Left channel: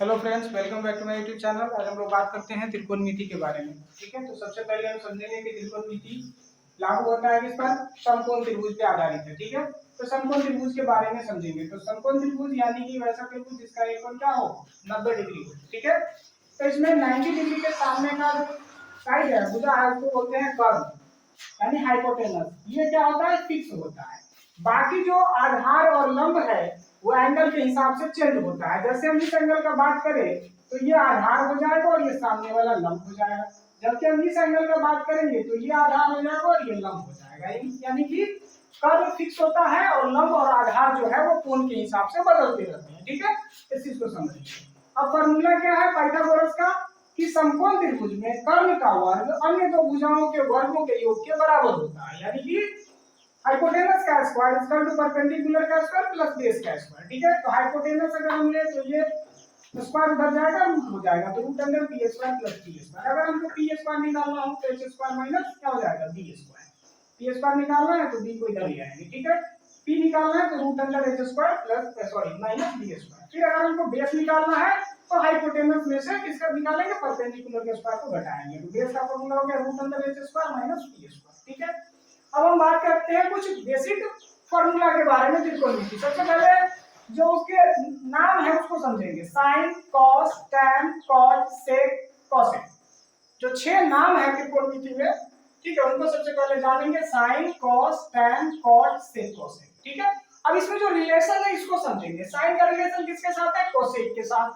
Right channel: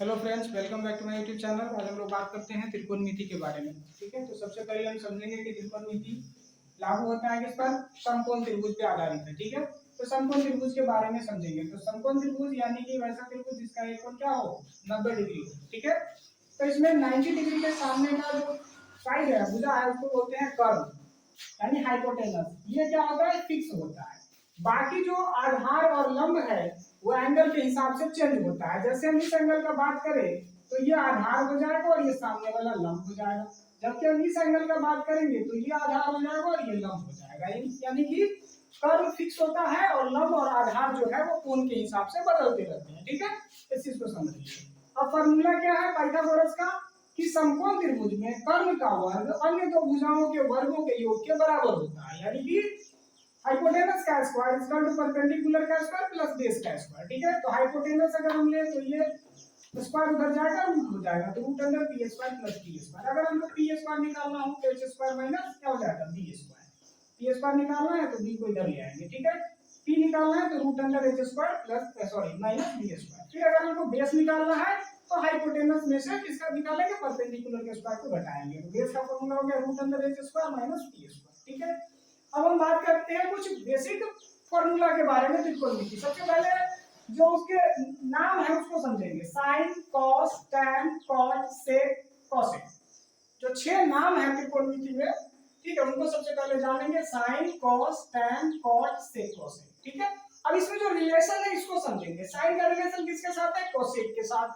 Hello friends, welcome back to my YouTube channel. आज हम लोग बात करते हैं त्रिकोणमिति के बारे में। ठीक है, तो सबसे पहले हम समझेंगे कि त्रिकोणमिति लागू होता है किस पर? समकोण त्रिभुज पे आधारित है। ठीक है, तो समकोण त्रिभुज के बारे में समझेंगे। तो समकोण त्रिभुज यानी कि वैसा त्रिभुज जिसका एक कोण क्या हो, 90 डिग्री हो। ठीक है, तो इसमें 90 डिग्री के सामने का जो साइड है, भुजा है, उसको बोलते हैं कर्व यानी हाइपोटेनस। ये क्या होता है? फिक्स होता है। बाकी जो आधार और लंब है वो एंगल के हिसाब से चेंज होता है। जैसे हम इस एंगल का बात करें तो ये आधार हो जाएगा और ये सामने वाला लंब हो जाएगा। जबकि हम इस एंगल का बात करेंगे तो ये आधार हो जाएगा और ये लंब हो जाएगा। यानी कि कर्व फिक्स होता है और लंब और आधार जो है वो कोण के हिसाब से बदलते रहते हैं। ठीक है, इस चीज को समझिए। अब फॉर्मूला क्या है पाइथागोरस का? कि समकोण त्रिभुज में कर्ण का वर्ग अन्य दो भुजाओं के वर्गों के योग के बराबर होता है। यानी कि हाइपोटेनस का स्क्वायर इक्वल टू परपेंडिकुलर का स्क्वायर प्लस बेस का स्क्वायर। ठीक है, तो हाइपोटेनस अगर हम ले तो ये स्क्वायर उधर जाएगा, रूट हो जाएगा, तो root under P square plus P square. अगर हमको पी स्क्वायर निकालना हो तो एच स्क्वायर माइनस क्या हो जाएगा, बी स्क्वायर। पी स्क्वायर निकालना है तो बी को इधर ले आएंगे। ठीक है, पी निकालना है तो root under H square plus minus B square. फिर अगर हमको बेस निकालना है तो हाइपोटेनस में से किसका निकालेंगे? परपेंडिकुलर के स्क्वायर को घटाएंगे। तो बेस का फार्मूला हो गया root under H square minus B square. ठीक है, अब हम बात करते हैं कुछ बेसिक फॉर्मूला के बारे में त्रिकोणमिति। सबसे पहले जो उसके नाम है उसको समझेंगे। साइन, कॉस, टैन, कॉट, सेक, कोसेक, जो 6 नाम है त्रिकोणमिति में। ठीक है, उनको सबसे पहले जानेंगे। साइन, कॉस, टैन, कॉट, सेक, कोसेक। ठीक है, अब इसमें जो रिलेशन है इसको समझेंगे। साइन का रिलेशन किसके साथ है? कोसेक के साथ।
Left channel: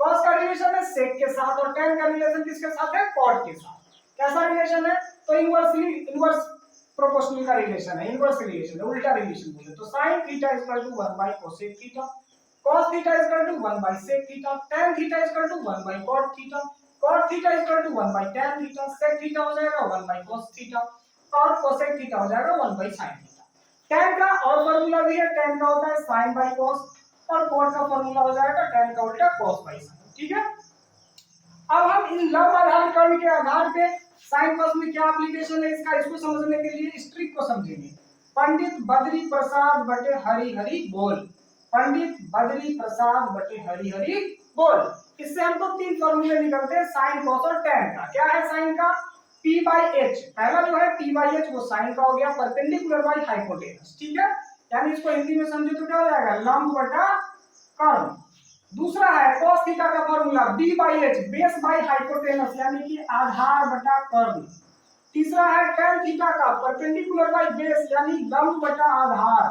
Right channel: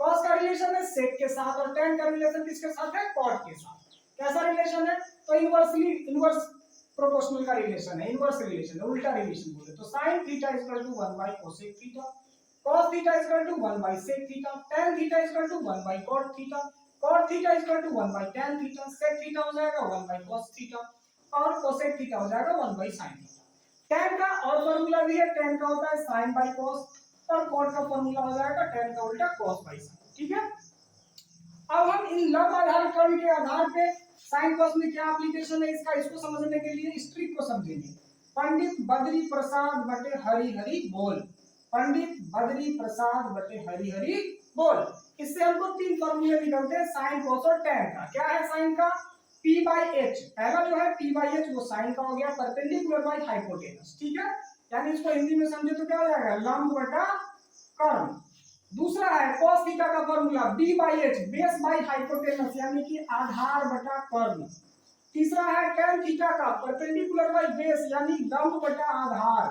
कॉस का रिलेशन है सेक के साथ और टैन का रिलेशन किसके साथ है? कॉट के साथ। कैसा रिलेशन है? तो इनवर्स प्रोपोर्शनल का रिलेशन है, इनवर्स रिलेशन है, उल्टा रिलेशन बोले तो sin theta is equal to 1 by cosec theta, cos theta is equal to 1 by sec theta, tan theta is equal to 1 by cot theta, cot theta is equal to 1 by tan theta, sec theta हो जाएगा 1 by cos theta और cosec theta हो जाएगा 1 bye sin theta. tan का और formula भी है, tan का होता है sin बाय cos और cot का फार्मूला हो जाएगा tan का उल्टा cos बाय sin। ठीक है, अब हम इन लंब आधार कर्ण के आधार पे साइन कॉस में क्या एप्लीकेशन है इसका, इसको समझने के लिए इस ट्रिक को समझेंगे। पंडित बद्री प्रसाद बटे हरि हरि बोल, पंडित बद्री प्रसाद बटे हरि हरि बोल। इससे हमको 3 फॉर्मूले निकलते हैं साइन कॉस और टैन का। क्या है साइन का? p बाई एच, पहला जो है p बाई एच वो साइन का हो गया, परपेंडिकुलर बाई हाइपोटेनस। ठीक है, यानी इसको हिंदी में समझे तो क्या हो जाएगा? लंब बटा कर्ण। दूसरा है cos थीटा का formula b by H, base by hypotenuse यानी कि आधार बटा कर्ण। तीसरा है tan थीटा का परपेंडिकुलर बाई बेस यानी लंब बटा आधार,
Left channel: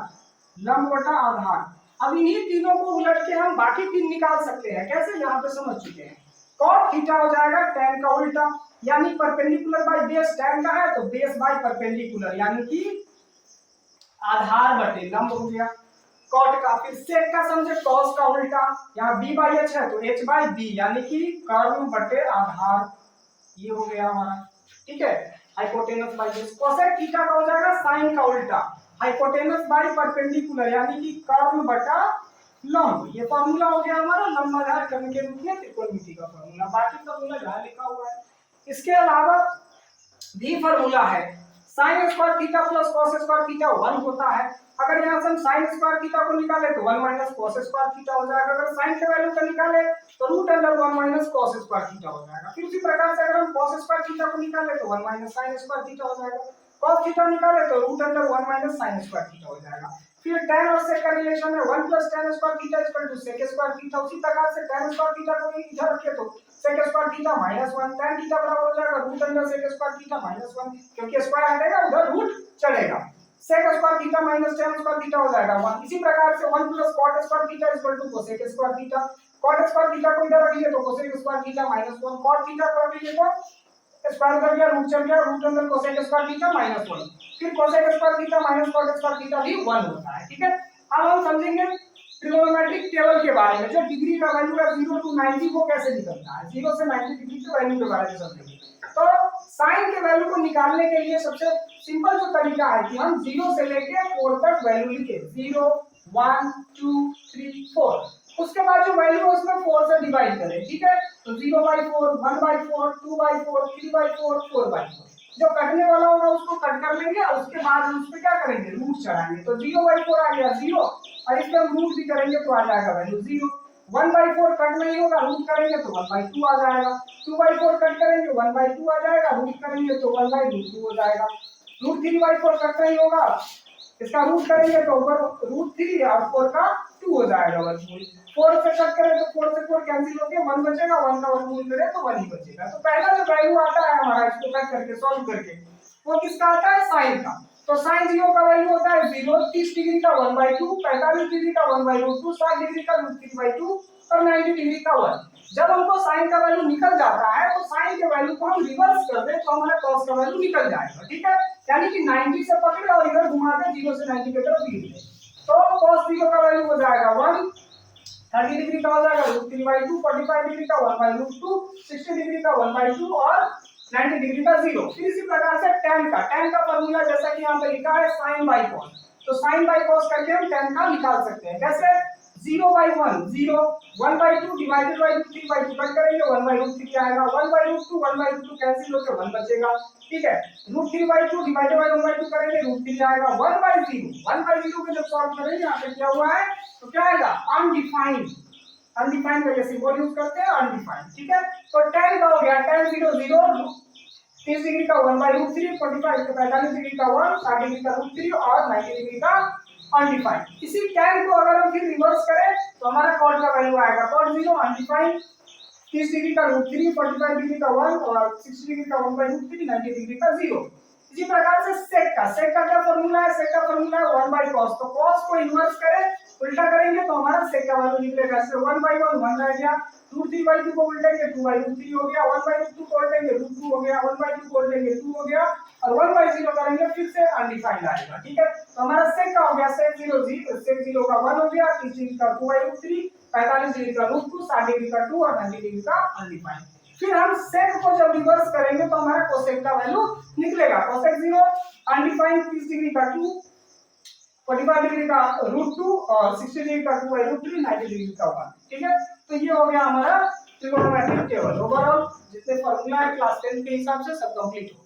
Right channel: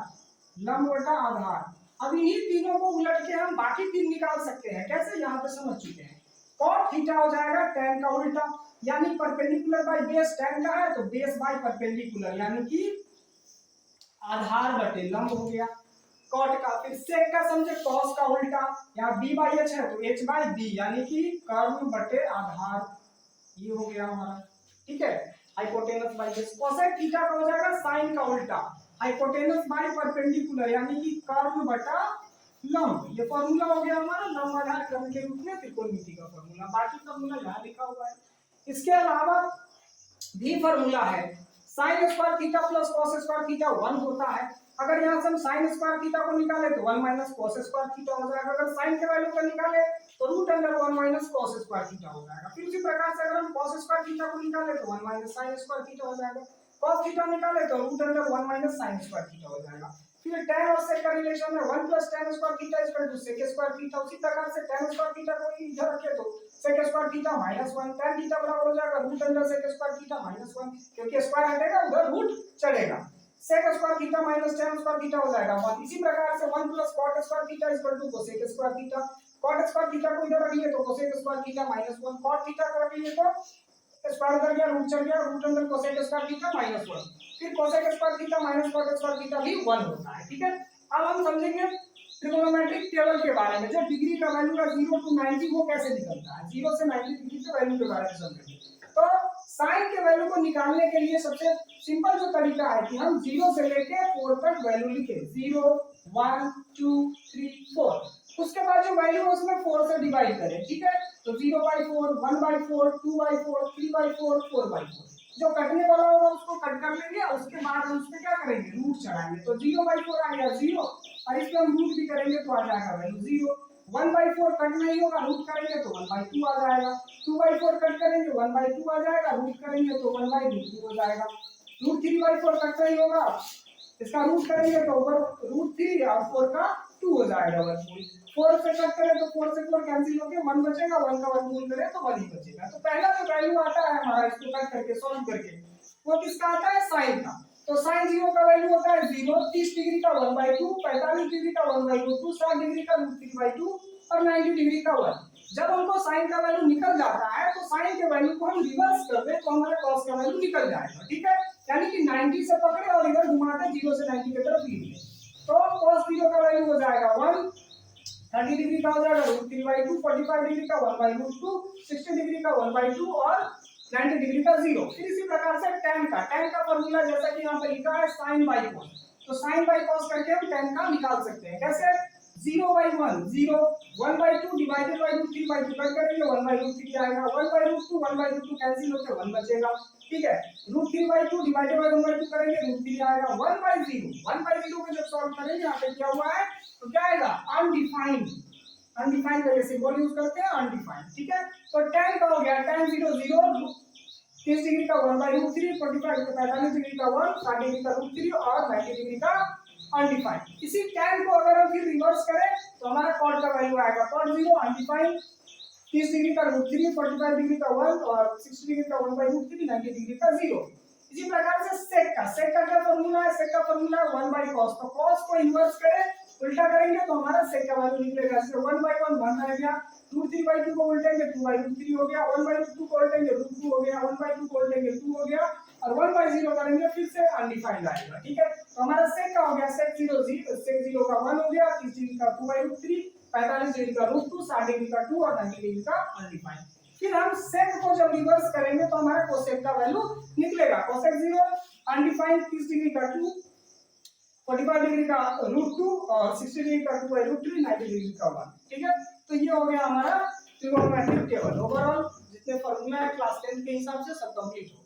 लंब बटा आधार। अब इन्हीं तीनों को उलट के हम बाकी 3 निकाल सकते हैं। कैसे? यहाँ पे समझ चुके हैं। cot थीटा हो जाएगा tan का उल्टा यानी परपेंडिकुलर बाई बेस tan का है तो बेस बाई परपेंडिकुलर यानी कि आधार बटे लंब हो गया कॉट का। फिर सेक का समझे कॉस का उल्टा, यहाँ b बाई एच है तो h बाई b यानी कि कर्ण बटे आधार, ये हो गया हमारा। ठीक है, hypotenuse by base. Cosec theta का हो जाएगा साइन का उल्टा, हाइपोटेनस बाई परपेंडिकुलर यानी कि कर्ण बटा लंब। ये फार्मूला हो गया हमारा लंब आधार कर्ण के रूप में त्रिकोणमिति का फार्मूला। बाकी फार्मूला यहाँ लिखा हुआ है। इसके अलावा भी फार्मूला है sin square theta plus cos square theta 1 होता है। अगर यहाँ से हम sin स्क्वायर थीटा को निकाले तो 1 माइनस cos स्क्वायर थीटा हो जाएगा। अगर sin के वैल्यू को निकाले तो root under 1 minus cos square theta हो जाएगा। फिर उसी प्रकार से अगर हम cos स्क्वायर थीटा को निकाले तो 1 माइनस sin स्क्वायर थीटा हो जाएगा। cos थीटा निकाले तो root under 1 minus sin square theta हो जाएगा। फिर tan और sec का रिलेशन है 1 plus tan square theta is equal to sec square theta. उसी प्रकार से tan स्क्वायर थीटा को इधर रखे तो sec square theta minus 1, tan theta बराबर हो जाएगा root under sec square theta minus 1, क्योंकि स्क्वायर हटेगा उधर रूट चढ़ेगा। sec square theta minus tan square theta हो जाएगा 1। इसी प्रकार से 1 plus cot square theta is equal to cosec square theta. cot square theta को इधर रख लिए तो cosec square theta minus 1, cot theta को रख लिए तो स्क्वायर कर दिया रूट चढ़ गया, root under cosec square theta minus 1। फिर cosec square theta minus cot square theta भी 1 होता है। ठीक है, अब हम समझेंगे ट्रिगोनोमेट्रिक टेबल के बारे में। जो डिग्री का वैल्यू है 0 टू 90 वो कैसे निकलता है, 0 से 90 डिग्री के वैल्यू के बारे में समझेंगे। तो साइन के वैल्यू को निकालने के लिए सबसे सिंपल जो तरीका है कि हम 0 से लेके 4 तक वैल्यू लिखें, 0 1 2 3 4। उसके बाद जो वैल्यू है उसमें 4 से डिवाइड करें। ठीक है, तो 0/4 1/4 2/4 3/4 4/4। जो कटने वाला होगा उसको कट कर लेंगे और उसके बाद हम उस पे क्या करेंगे, रूट चढ़ाएंगे। तो 0/4 आ गया 0 और इस पे हम रूट भी करेंगे तो आ जाएगा वैल्यू 0। 1/4 कट नहीं होगा, रूट करेंगे तो 1/2 आ जाएगा। 2/4 कट करेंगे 1/2 आ जाएगा, रूट करेंगे तो 1/2 हो जाएगा। √3/4 कट नहीं होगा, इसका रूट करेंगे तो ऊपर √3 और 4 का 2 हो जाएगा वर्गमूल। 4 से कट करें तो 4 से 4 कैंसिल होके 1 बचेगा, 1 का वर्गमूल करें तो 1 ही बचेगा। तो पहला जो वैल्यू आता है हमारा इसको कट करके सॉल्व करके, वो किसका आता है, साइन का। तो साइन 0 का वैल्यू होता है 0, 30 डिग्री का 1/2, 45 डिग्री का 1/2, 60 डिग्री का √3/2 और 90 डिग्री का 1। जब हमको साइन का वैल्यू निकल जाता है तो साइन के वैल्यू को हम रिवर्स कर दें तो हमारा कॉस का वैल्यू निकल जाएगा, ठीक है। यानी कि 90 से पकड़े और इधर घुमा के 0 से 90 की तरफ लीड ले, तो cos 0 का वैल्यू हो जाएगा 1, 30 डिग्री का हो जाएगा √3/2, 45 डिग्री का 1/2, 60 डिग्री का 1/2 और 90 डिग्री का 0। फिर इसी प्रकार से tan का फॉर्मूला जैसा कि यहाँ पे लिखा है sin बाय cos, तो sin बाय cos करके हम tan का निकाल सकते हैं। कैसे, 0/1 0, 1/2 डिवाइडेड बाय √3/2 कट करेंगे 1/√3 आएगा, 1/√2 1/√2 कैंसिल होकर 1 बचेगा, ठीक है। √3/2 डिवाइडेड बाय 1/2 करेंगे √3 आएगा, 1/0 को जब सॉल्व करेंगे यहाँ पे क्या हुआ है तो क्या आएगा, अनडिफाइंड। अनडिफाइंड का ये सिंबल यूज करते हैं, अनडिफाइंड, ठीक है। तो tan का हो गया tan 0 0, 30 डिग्री का 1/√3, 45 डिग्री का 1, 60 डिग्री का √3 और 90 डिग्री का अनडिफाइंड। इसी tan को अगर हम फिर रिवर्स करें तो हमारा cot का वैल्यू आएगा cot 0 अनडिफाइंड, 30 डिग्री का √3, 45 डिग्री का 1 और 60 डिग्री का 1/√3, 90 डिग्री का 0। इसी प्रकार से sec का क्या फॉर्मूला है, sec का फॉर्मूला है 1/cos, तो cos को इन्वर्स करें, उल्टा करेंगे तो हमारा sec का वैल्यू निकलेगा। जैसे 1/1 1 रह गया, √3/2 को उल्टेंगे 2/√3 हो गया, 1/2 को उल्टेंगे √2 हो गया, 1/2 को उल्टेंगे 2 हो गया और 1/0 करेंगे फिर से अनडिफाइंड आएगा, ठीक है। तो हमारा sec का हो गया sec 0 का 1 हो गया, 30 डिग्री का 2/√3, 45 डिग्री का √2, 60 डिग्री का 2 और 90 डिग्री का अनडिफाइंड। फिर हम sec को जब रिवर्स करेंगे तो हमारा cosec का वैल्यू निकलेगा, cosec 0 अनडिफाइंड 30 डिग्री का 2, 45 डिग्री का √2 और 60 डिग्री का 2/√3, 90 डिग्री का 1, ठीक है। तो ये हो गया हमारा ट्रिग्नोमेट्रिक टेबल। ओवरऑल जितने फॉर्मूला है क्लास 10 के हिसाब से सब कंप्लीट हो